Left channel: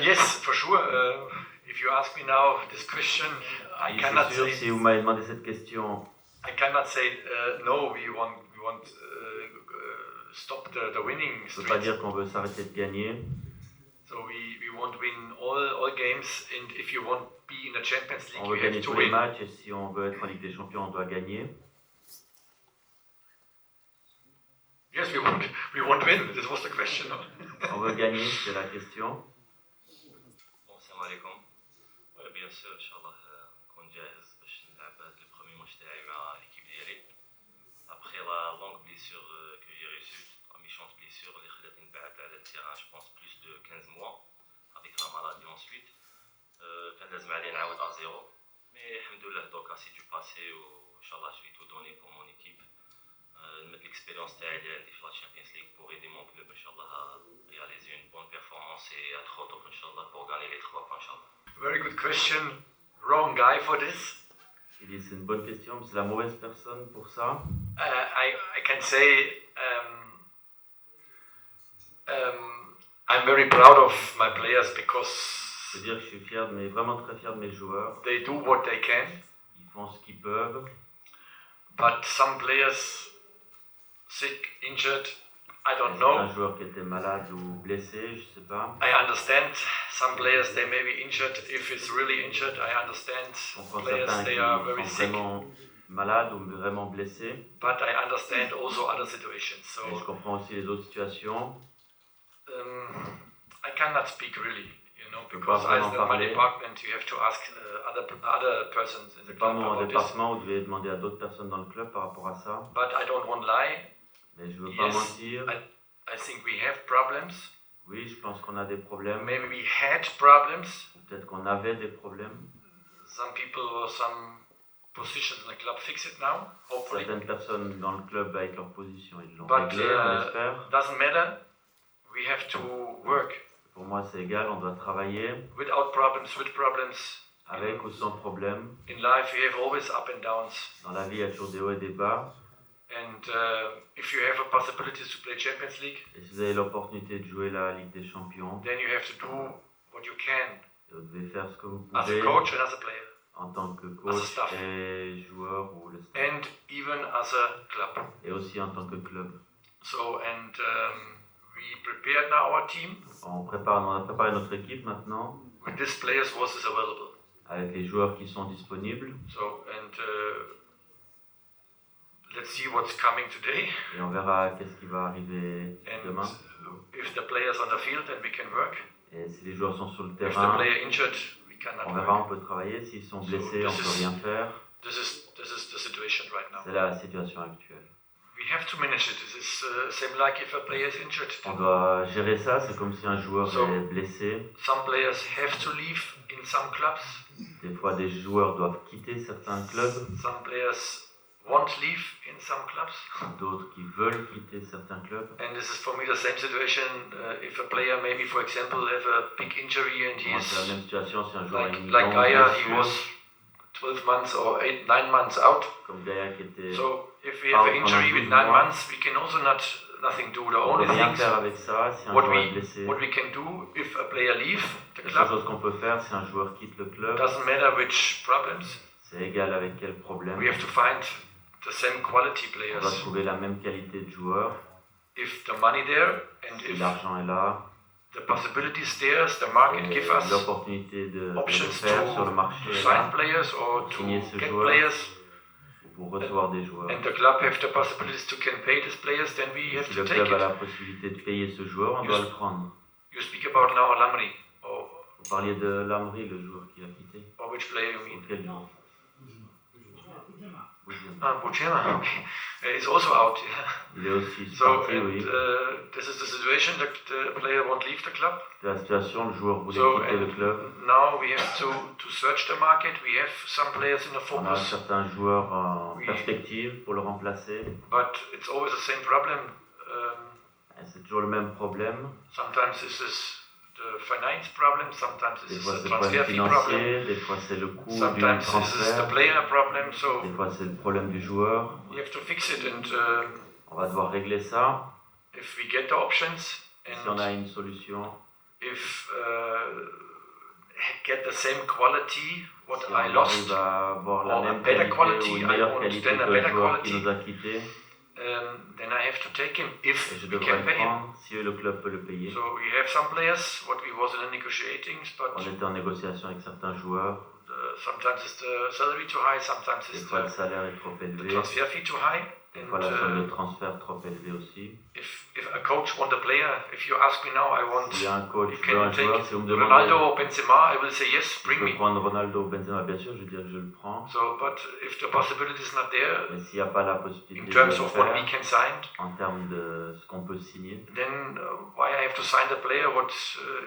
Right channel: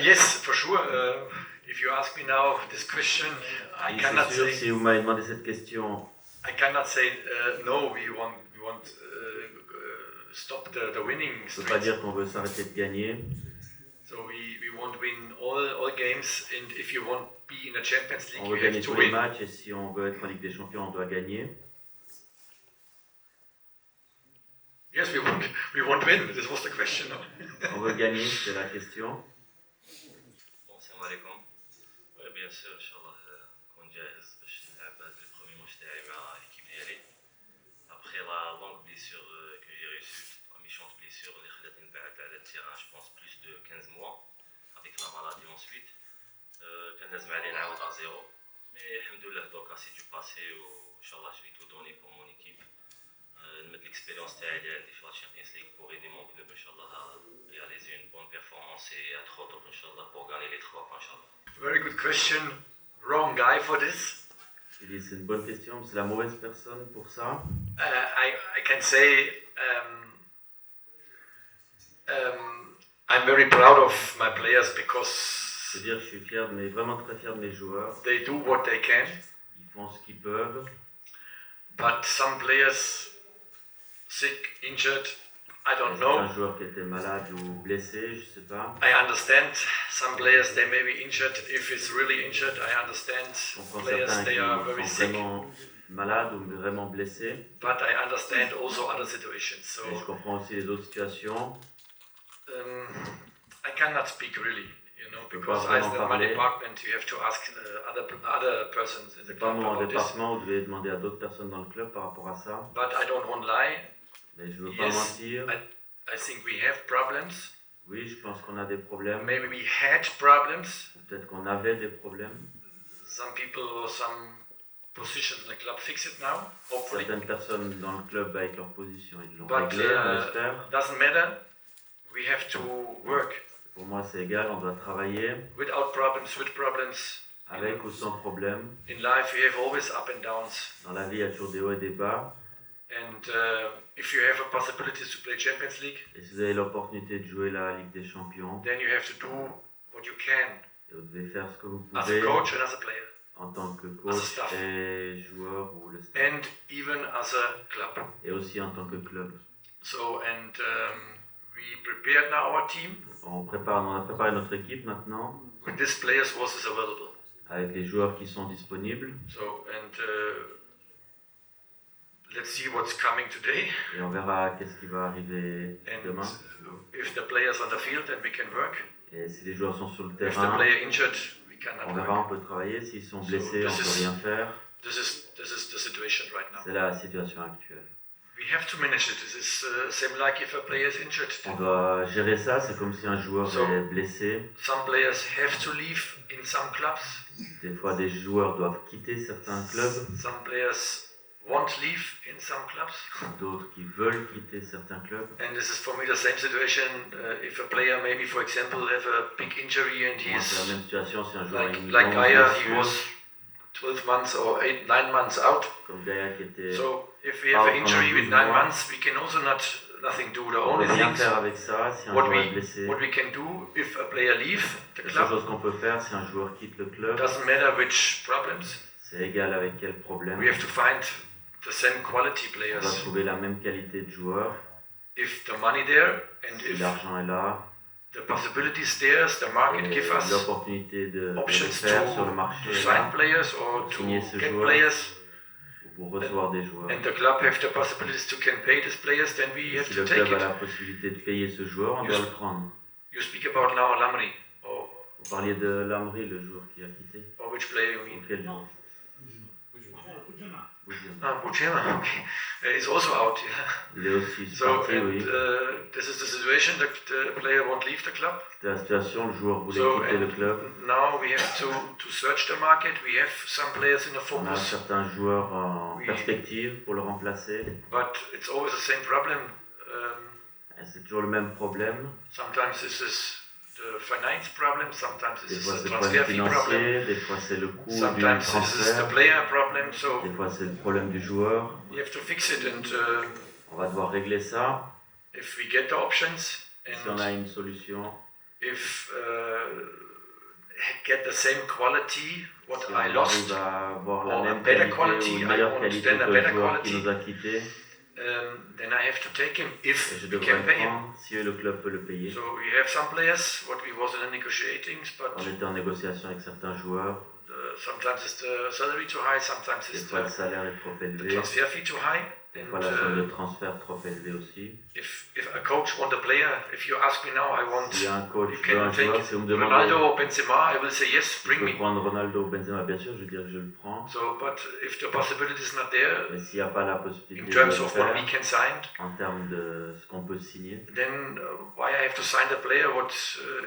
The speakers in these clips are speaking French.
Yes, for sure. If you ask me now this question, I cannot say. Si vous m'avez demandé cette question, I cannot say no. We want stop the winning je ne peux streak. pas dire qu'on veut s'arrêter de gagner. So we want to win all games, and if you want to be in the Champions League, On veut you gagner have to tous les win. matchs et si on veut être en Ligue des Champions, on doit gagner. Yes, we want to win. This was the question. On veut gagner, c'est la question. Bon, salam alaikum. Bien sûr, Inch'Allah, نكون جاهز باش نلعب هذا البرومي ماتش تاعي مع l'équipe ديالي. Après la longue blessure que j'ai reçue, la méchante blessure اللي خلاتني نبعد على التيران, je pense plus de 15 mois avec la maladie ensuite. كان لازم علي نعاود à zéro. Mais alhamdoulilah, donc c'est du passé و Inch'Allah je vais tout donner pour mon équipe. نمد l'expérience تاعي اللي عندي في la Champions League pour aider mon club Inch'Allah à réaliser une bonne performance et être au top Inch'Allah pour gagner les 3 points Inch'Allah. Very good question. Wrong guy for this. Il dit c'est une bonne question, c'est la mauvaise personne pour ça. I can say I'm very proud of my players because Je veux dire que je suis fier, mais vraiment très fier de mes joueurs. they do what they can. Ils font ce qu'ils peuvent. But some players sick, injured, I don't Un know. joueur qui était malade ou blessé, je sais pas. I understand some players they may be injured. If it's really injured, I understand On prend players certains they qui are very sont sick. vraiment malades ou vraiment blessés. But I understand also other situations. So Et je comprends aussi les autres situations. I cannot speak really, you know, Je peux pas because as vraiment my parler. department, you have to ask other persons in the C'est pas club mon about this. département, vous devez demander à d'autres personnes dans le club par rapport à ça. But I don't want to lie. Mais je veux pas Yes, mentir. I think we have problems. Oui, je pense qu'on a des problèmes. Maybe we had problems. Ou peut-être qu'on avait des problèmes. Some people or some positions in the club fix it now, hopefully. Certaines personnes dans le club avec leur position, ils l'ont But réglé, on l'espère. doesn't matter. We have to work Pour moi, c'est égal, on doit travailler without problems, with problems. avec ou sans problème. In life, we have always up and downs. Dans la vie, il y a toujours des hauts et des bas. And if you have a possibility to play Champions League, Et si vous avez l'opportunité de jouer la Ligue des Champions, then you have to do what you can et vous devez faire ce que vous as a pouvez coach and as a player, en tant que as a coach staff. et joueur ou le staff. and even as a club. Et aussi en tant que club. So, and we prepared now our team On a préparé notre équipe maintenant with these players was available. avec les joueurs qui sont disponibles. So, and let's see what's coming today. Et on verra qu'est-ce qui va arriver And demain. if the players on the field, then we can work. Et si les joueurs sont sur le If the terrain, player injured, we cannot on verra, work. on peut travailler. S'ils sont blessés, on this peut is- rien faire. This is the situation right now. C'est la situation actuelle. We have to manage it. This is same like if a player is injured. On doit gérer ça, c'est comme si un joueur est blessé. Some players have to leave in some clubs. Des fois, des joueurs doivent quitter certains clubs, Some players won't leave in some clubs. d'autres qui veulent quitter certains clubs. And this is for me the same situation. If a player maybe, for example, have a big injury and Pour moi, c'est la he's même situation si un joueur a une like longue Gaia, he blessure, was 12 months or 9 months out. comme Gaia qui était... So if we have an injury with 9 months, we can also nothing do. The On ne only peut rien thing faire avec ça si un what joueur est we blessé. what we can do if a player leaves the La seule club, chose qu'on peut faire si un joueur quitte le club, doesn't matter which problems. c'est égal avec quel problème. We have to find the same quality On players. doit trouver la même qualité de joueur. If the money there and Si if l'argent est là, the possibilities there, the market et give us l'opportunité de le options faire sur le marché to est sign là, players or to signer ce get joueur. players, pour recevoir des joueurs. and the club have the possibilities to can pay these players, then we Et have si to le take club a it. la possibilité de payer ce joueur, on doit le prendre. You speak about now Lamri, or Vous parliez de Lamri, le joueur qui a quitté. which player you mean? Auquel joueur? Bujema, okay. He's also out, yeah. Il est aussi So, parti, oui. this is the situation that the player won't leave the club. C'était la situation, le joueur voulait So, quitter le club. now we have to search the market. We have some players in the On a focus, certains joueurs en Oui. perspective pour le remplacer. but it's always the same problem. Et c'est toujours le même problème. Sometimes this is the finance problem, sometimes Des this fois is c'est the le problème transfer fee problem, financier, des fois c'est le coût du sometimes this is the transfert, player problem. So des fois c'est le problème du joueur. you have to fix it, and On va devoir régler ça. if we get the options, Si on and a une solution, if get the same quality what Si I on lost, arrive à avoir la or a même better qualité ou quality, une I meilleure want qualité then a que le better joueur qui quality, nous a quittés, then I have to take him if et je we devrais can le pay him. prendre si le club peut le payer. So we have some players what we was in the negotiatings, but On était en négociation avec certains joueurs. sometimes it's the salary too high, sometimes Des it's fois le salaire est trop the élevé, transfer fee too high. des fois la somme de transfert trop élevée aussi. If a coach want a player, if you ask me now, I want. S'il y a un coach You veut un can joueur, take si vous me demandez Ronaldo or Benzema, I will say yes, si je bring peux me. prendre Ronaldo ou Benzema, bien sûr, je veux dire que je le prends. So, but if the possibility is not there, Mais s'il n'y a pas la in possibilité de terms le of what we faire, can sign, en termes de ce qu'on peut signer, then why I have to sign the player? What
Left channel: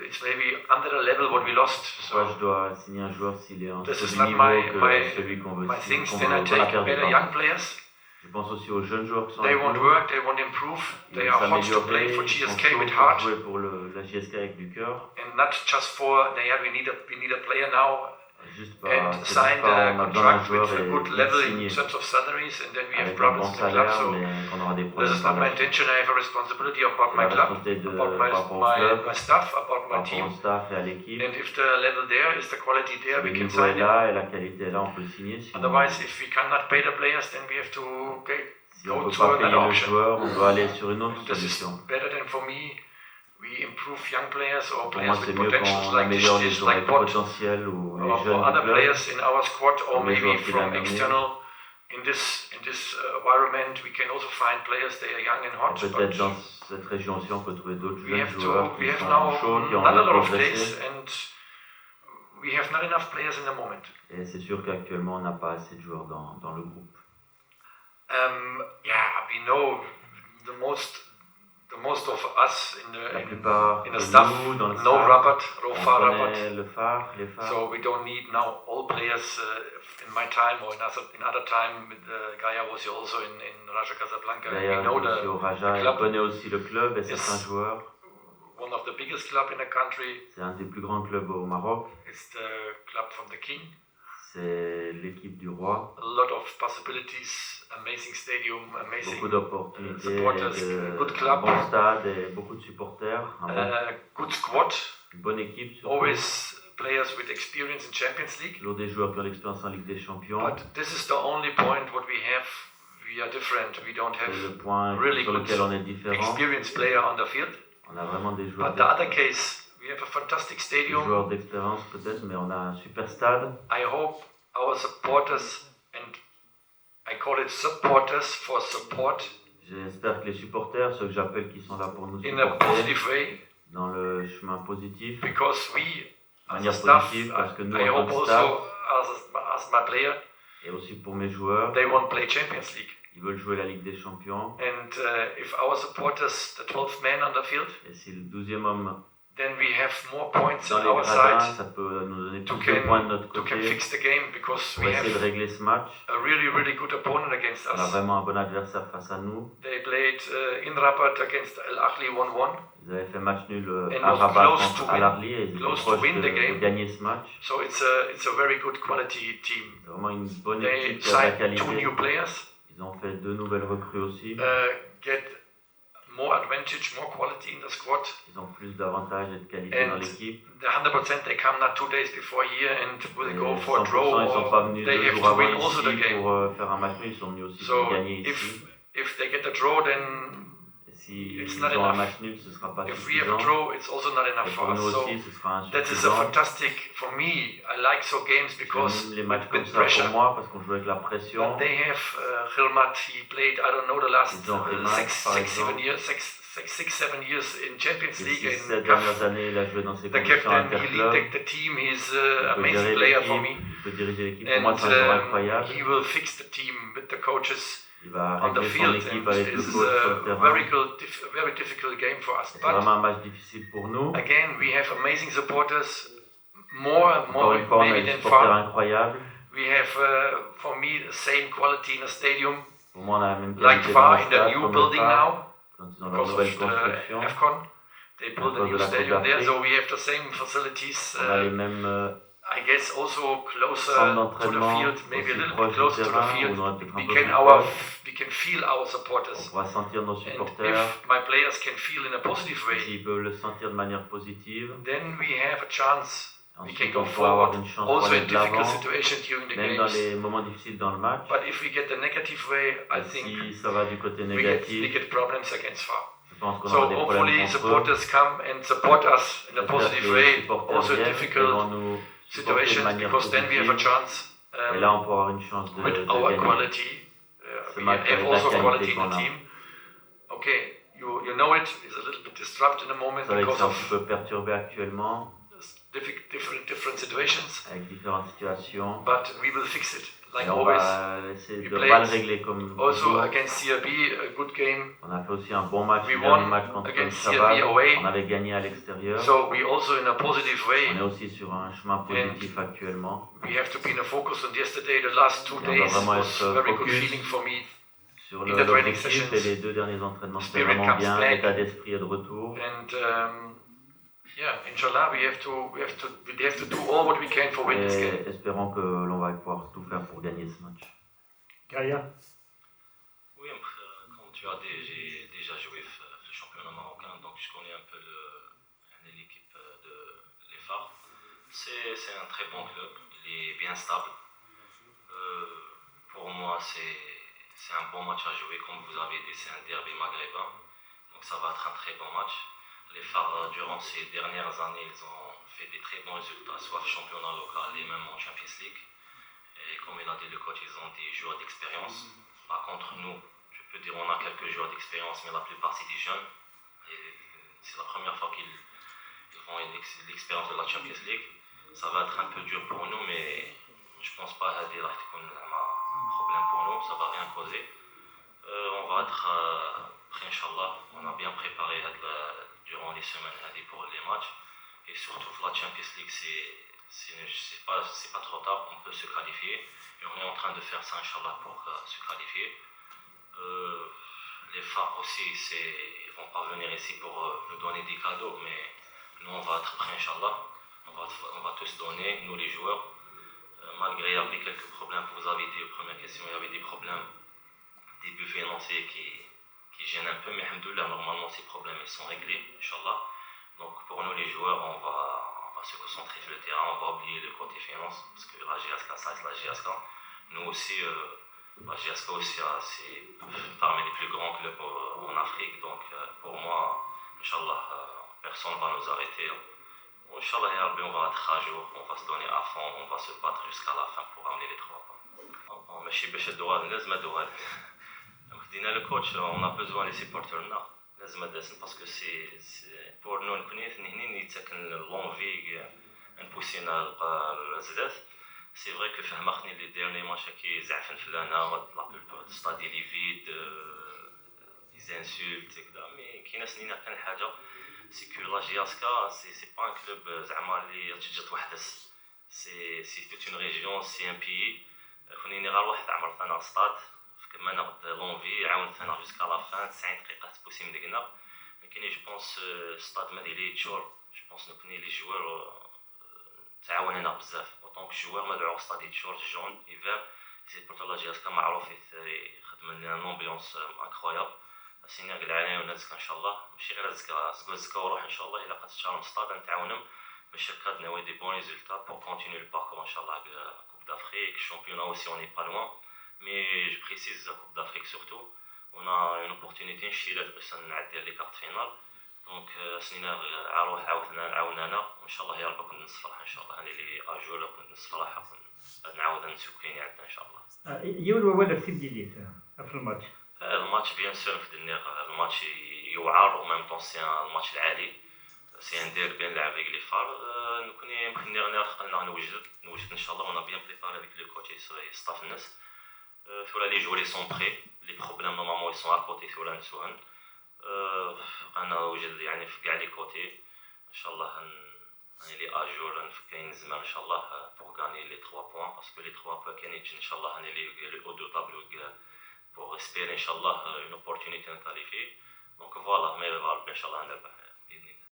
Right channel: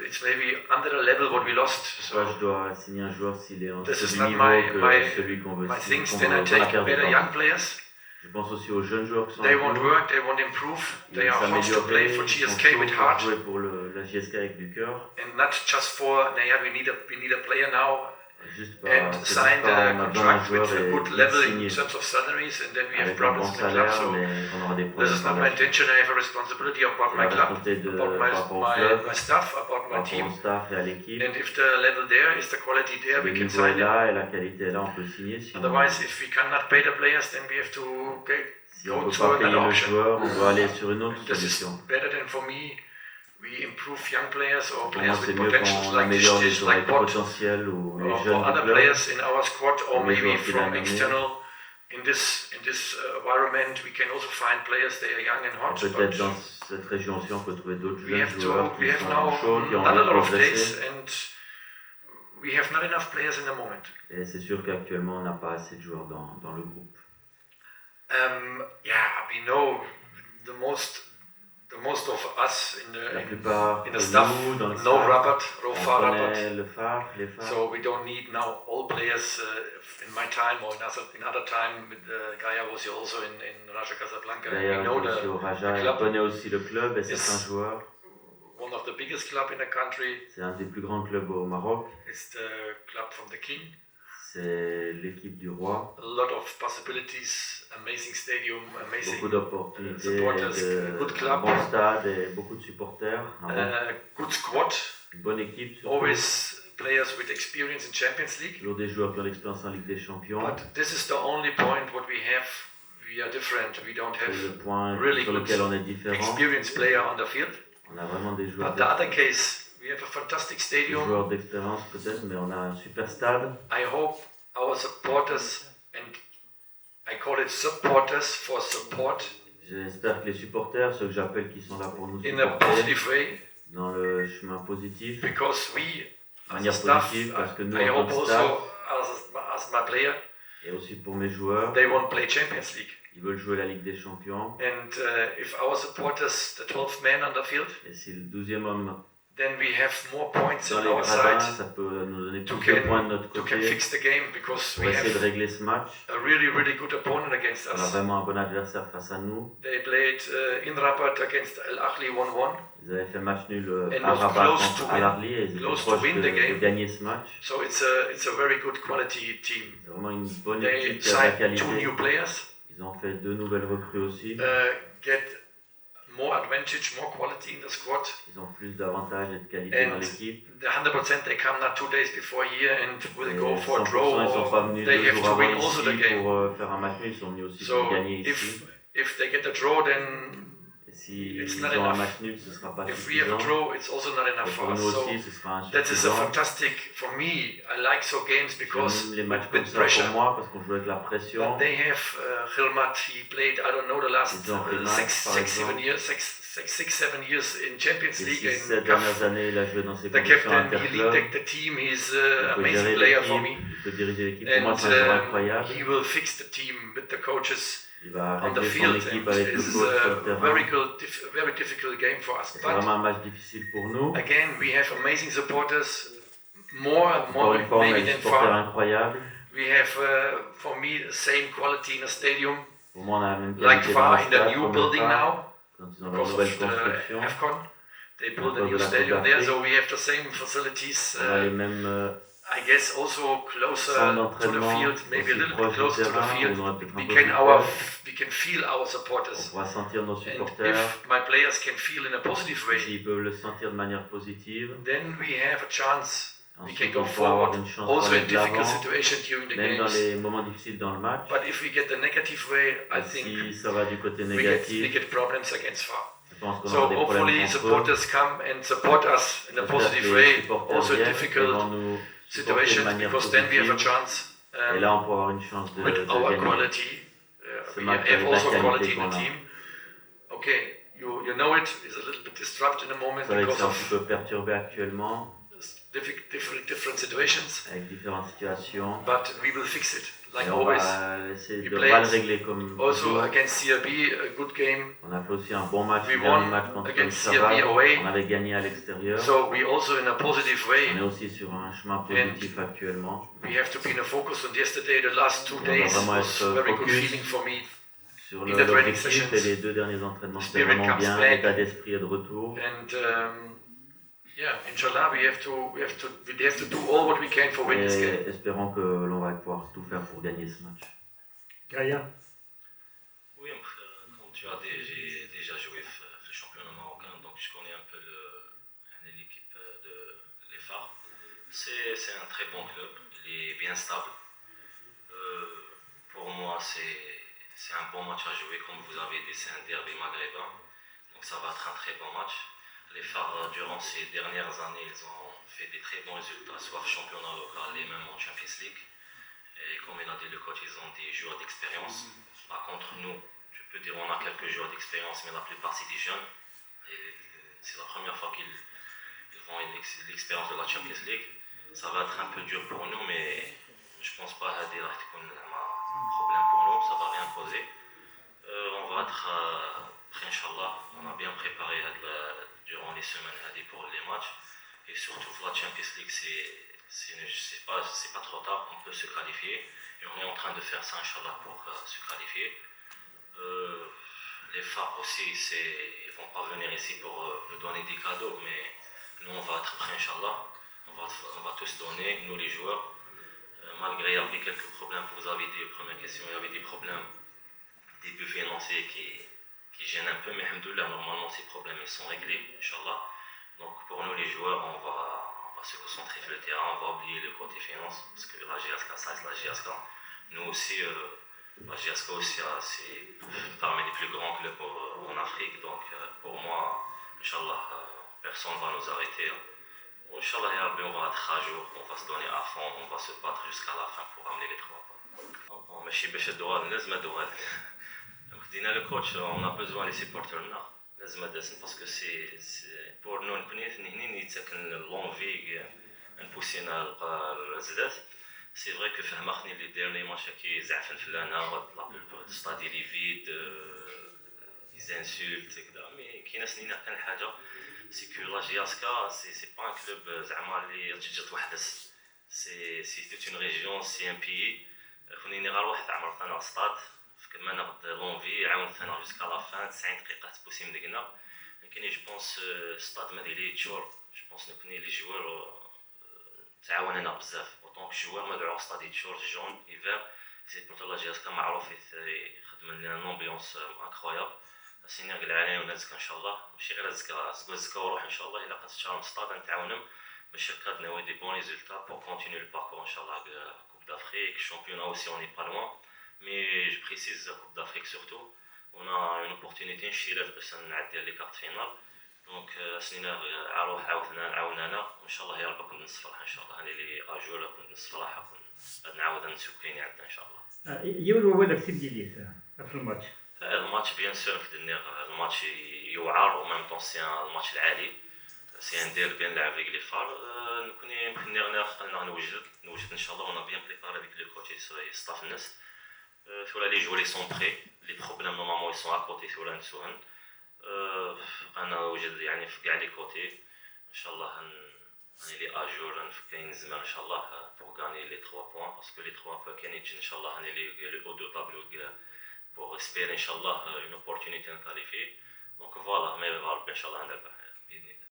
it's maybe under the level what we lost. pourquoi So je dois signer un joueur s'il est en this dessous is du not niveau my que celui qu'on veut my signer, things. qu'on Then I a take perdu, better pardon. young players. Je pense aussi aux jeunes joueurs qui sont They avec want nous. work, they want improve. Ils They veulent are hot to play s'améliorer, for ils sont GSK chauds with pour heart, jouer pour la JSK avec du cœur. and not just for we need a player now. Juste pas, And c'est signed juste pas, on a a besoin d'un contract joueur with a et good de level signer in terms of salaries, and then we have avec un bon problems in the club. salaire, So mais qu'on aura des this problèmes is par not my la suite. intention. I have a responsibility about C'est my la club, responsabilité about par rapport au club, my staff, about par my rapport team. au staff et à l'équipe. And if the level there is the quality there, Si we le can niveau est sign it. là et la qualité est là, on peut signer. Sinon, Otherwise, if we cannot pay the players, then we have to si on go ne peut to pas payer another le option. joueur, on doit aller sur une autre And this is solution. better than for me. We improve young players or Pour moi, players c'est with mieux potentials qu'on like améliore les this, joueurs like avec Bot, potentiel ou les or jeunes du other club. players in our squad, or Ou les maybe joueurs qu'il a from nommés. external. In this environment, we can also find players. They are young and hot. Peut-être But dans cette région aussi, on peut trouver d'autres we jeunes have joueurs we qui have sont now chauds, qui ont not a envie de lot of dates, progresser. and we have not enough players in the moment. Et c'est sûr qu'actuellement, on n'a pas assez de joueurs dans le groupe. Yeah, we know the most of us La plupart in de the staff nous, dans le know staff, Rabat, on Rofa Rabat. connaît le phare, les phares. So we don't need now all players in my time or in other time. Gaia was also in Raja Casablanca. D'ailleurs, We know aussi au Raja, il club connaît aussi le club et is certains joueurs. one of the biggest club in the country. C'est un des plus grands clubs au Maroc. It's the club from the king. C'est l'équipe du roi. A lot of possibilities, amazing stadium, amazing Beaucoup d'opportunités, supporters, de good club, bon stade et beaucoup de supporters. good squad, Une bonne équipe, surtout. always players with experience in Champions League. Toujours des joueurs qui ont l'expérience en Ligue des Champions. But this is the only point what we have. We are different. We don't C'est le have point really sur good lequel on est différent. experienced player on the field. On a vraiment des joueurs, But the other case, we have a fantastic des stadium. joueurs d'expérience peut-être, mais on a un super stade. I hope our supporters, and I call it supporters for support, J'espère que les supporters, ceux que j'appelle qui sont là pour nous in a supporter, positive way, dans le chemin positif, because we, de as a manière staff, positive, parce que nous, I en hope tant que staff, also as my player, et aussi pour mes joueurs, they want to play Champions League. ils veulent jouer la Ligue des Champions. And if our supporters, the 12th man on the field, Et si le 12e homme then we have more points dans on les our gradins, side ça peut nous donner to plus de points de notre can côté fix the game, because pour we essayer de have régler ce match. a really good opponent against On a us. vraiment un bon adversaire face à nous. They played in Rabat against Al Ahly 1-1. Ils avaient fait match nul And à was Rabat close contre to Al win. Ahly et ils étaient Close to proches win the de game. gagner ce match. So it's a very good quality team. C'est vraiment une bonne They équipe qui a de la signed 2 qualité. new players, Ils ont fait 2 nouvelles recrues aussi. get more advantage, more quality in the squad. Ils ont plus d'avantages et de qualité dans And l'équipe. the 100% they come not 2 days before here and will Et go for a 100%, draw, ils ne sont pas or venus they 2 have jours to avant win also the ici game. pour faire un match nul. Ils sont venus aussi So pour gagner ici. if they get a draw, then Et s'ils it's ont not un enough. match nul, ce ne sera pas if we have a suffisant. draw, it's also not enough Et for pour us. nous So aussi, ce sera that is a insuffisant. fantastic, for me, I like so games because J'aime les matchs comme with ça pressure. pour moi parce qu'on joue avec la pression. They have 𝒐𝒕𝒂𝒍𝑬𝒏𝒆𝒔𝑪𝑨𝑭, he played, I don't know, the last Ils ont Prémac, par exemple. 7 years in Champions Les League 6-7 and dernières années, il a joué dans ces the compétitions captain, he interclubs. lead the team, he's Il an peut amazing gérer player for l'équipe, me. il peut diriger l'équipe. Pour moi, And c'est un joueur incroyable. he will fix the team with the coaches Il va on the régler son field. équipe And avec le it's coach sur le a terrain. very difficult game for us. C'est But vraiment un match difficile pour nous. again, we have amazing supporters, more and Encore more une fois, on a maybe des than supporters far. incroyables. We have, for me, the same quality in the stadium, Pour moi, on a la même like qualité dans far le in the stade new comme le building phare. now. Quand ils ont leur Because nouvelle of construction, the AFCON, they built a cause new de la stadium Coupe there, d'Afrique. so we have the same facilities. On a les mêmes I guess also closer centre to the d'entraînement field, maybe a aussi little bit proche du closer to the terrain, où field, on aurait peut-être un we peu can, plus we can feel our on supporters. pourra sentir nos And supporters. if my players can feel in a positive way, S'ils peuvent le sentir de manière positive, then we have a chance. We can ensuite go on pourra avoir forward, une chance pour also aller in de difficult l'avant, situations during the même dans games. les moments difficiles dans le match. But if we get the negative way, I Et think si ça va du côté we négatif, get problems against FAR. je pense qu'on So aura des problèmes hopefully contre eux. supporters come and support us in a J'espère positive que les way, supporters also in viennent et vont difficult nous supporter de situations, manière because then we have a positive. chance Et là, on pourra avoir une chance de with our gagner quality. ce We match have avec la also quality qualité in qu'on the a. team. Okay, you know it is a little bit disrupted in the moment Vous savez que because c'est un of petit peu perturbé actuellement, different situations, avec différentes situations. but we will fix it like Et on always. va essayer We de played pas le régler comme Also toujours. against CRB, a good game. On a fait aussi un bon match, We le dernier won match contre against Chaval. CRB away. On avait gagné à l'extérieur. So we also in a positive On est way. aussi sur un chemin positif actuellement. We have to be in a focus on yesterday. The last 2 On doit days vraiment was être very good focus feeling for me. Sur in the training l'objectif sessions. et les 2 derniers entraînements, c'était Spirit vraiment comes bien, back. l'état d'esprit est de retour. And yeah, inshallah, we have to do all what we can for winning this game. Et espérons que l'on va pouvoir tout faire pour gagner ce match. Gaïa. Oui, comme tu as dit, j'ai déjà joué ce championnat marocain, donc je connais un peu l'équipe de les Phares. C'est un très bon club, il est bien stable. Pour moi, c'est un bon match à jouer, comme vous avez dit, c'est un derby maghrébin, donc ça va être un très bon match. Les Phares, durant ces dernières années, ils ont fait des très bons résultats, soit championnat local et même en Champions League. Et comme il a dit le coach, ils ont des joueurs d'expérience. Par contre, nous, je peux dire on a quelques joueurs d'expérience, mais la plupart c'est des jeunes. Et c'est la première fois qu'ils font l'expérience de la Champions League. Ça va être un peu dur pour nous, mais je pense pas que c'est un problème pour nous, ça va rien poser. On va être prêt, Inch'Allah. On a bien préparé durant les semaines pour les matchs. Et surtout pour la Champions League, c'est pas trop tard, on peut se qualifier. Et on est en train de faire ça, Inch'Allah, pour se qualifier. Les Phares aussi, ils vont pas venir ici pour nous donner des cadeaux, mais nous, on va être prêts, Inch'Allah. On va tous donner, nous les joueurs. Malgré il y avait quelques problèmes, vous avez dit, première question, il y avait des problèmes, des buts financiers qui gênent un peu, mais alhamdoulilah, normalement ces problèmes ils sont réglés, Inch'Allah. Donc pour nous les joueurs, on va se concentrer sur le terrain, on va oublier le côté finance, parce que la GSK, ça reste la GSK. Nous aussi, la GSK aussi, c'est parmi les plus grands clubs en Afrique, donc pour moi, Inch'Allah, personne ne va nous arrêter. Inch'Allah, on va être à jour, on va se donner à fond, on va se battre jusqu'à la fin pour amener les 3 points. ماشي باش الدوال لازم الدوال. دينا le coach, on a besoin les supporters là. لازم داسن parce que c'est pour nous هنا يتسكن l'envie نبوسينا الزدات. C'est vrai que فهمتني les derniers matchs كي زعفن فلانا la plupart du stade il est vide, ils insultent كذا mais كاينه سنينه كان حاجه c'est que la GSK, c'est pas un club اللي تجي توحدث. C'est toute une région, c'est un pays. خليني غير واحد عمر ثنا ستاد كما ناخذ لونفي عاون ثنا جوسكا لا فان 90 دقيقه تبوسي مدقنا. لكن جو بونس ستاد مالي تشور جو بونس نكوني لي جوار تعاوننا بزاف اوطونك جوار مدعو ستاد تشور جون ايفر سي بورتو لا GSK معروف يخدم لنا لومبيونس انكرويابل. سيني نقول عليهم الناس ان شاء الله ماشي غير زكا وروح ان شاء الله الا قد تشارم ستاد نتعاونهم باش هكا ناوي دي بون ريزولتا بور كونتينيو الباركور ان شاء الله Coupe d'Afrique, championnat aussi on n'est pas loin, mais je précise la Coupe d'Afrique surtout, on a une opportunité نشيلات باش نعدي لي كارت فينال دونك سنينا عروح عاوننا ان شاء الله يا رب كون نص فرحه ان شاء الله انا اللي اجور كون نص فرحه غادي نعاود نشوف كاين عندنا ان شاء الله. يولوا ولا سيدي لي في الماتش. الماتش بيان سور في الدنيا الماتش يوعر و ميم طون سي ان ماتش العالي سي ان ديربي نلعب avec les Phares نكوني مخني خلينا نوجد ان شاء الله. On a bien préparé avec le coach et staff الناس sur les joueurs ils sont prêts, les problèmes normalement ils sont à côté sur l'Anne-Souhan. انا وجد يعني في كاع لي كوتي ان شاء الله اللي اجور نفكين زمان ان شاء الله pour gagner les 3 points parce que les 3 points كاين يجي ان شاء الله انا اللي haut de table pour espérer ان شاء الله une opportunité de qualifier. Donc voilà, mais ان شاء الله نربح.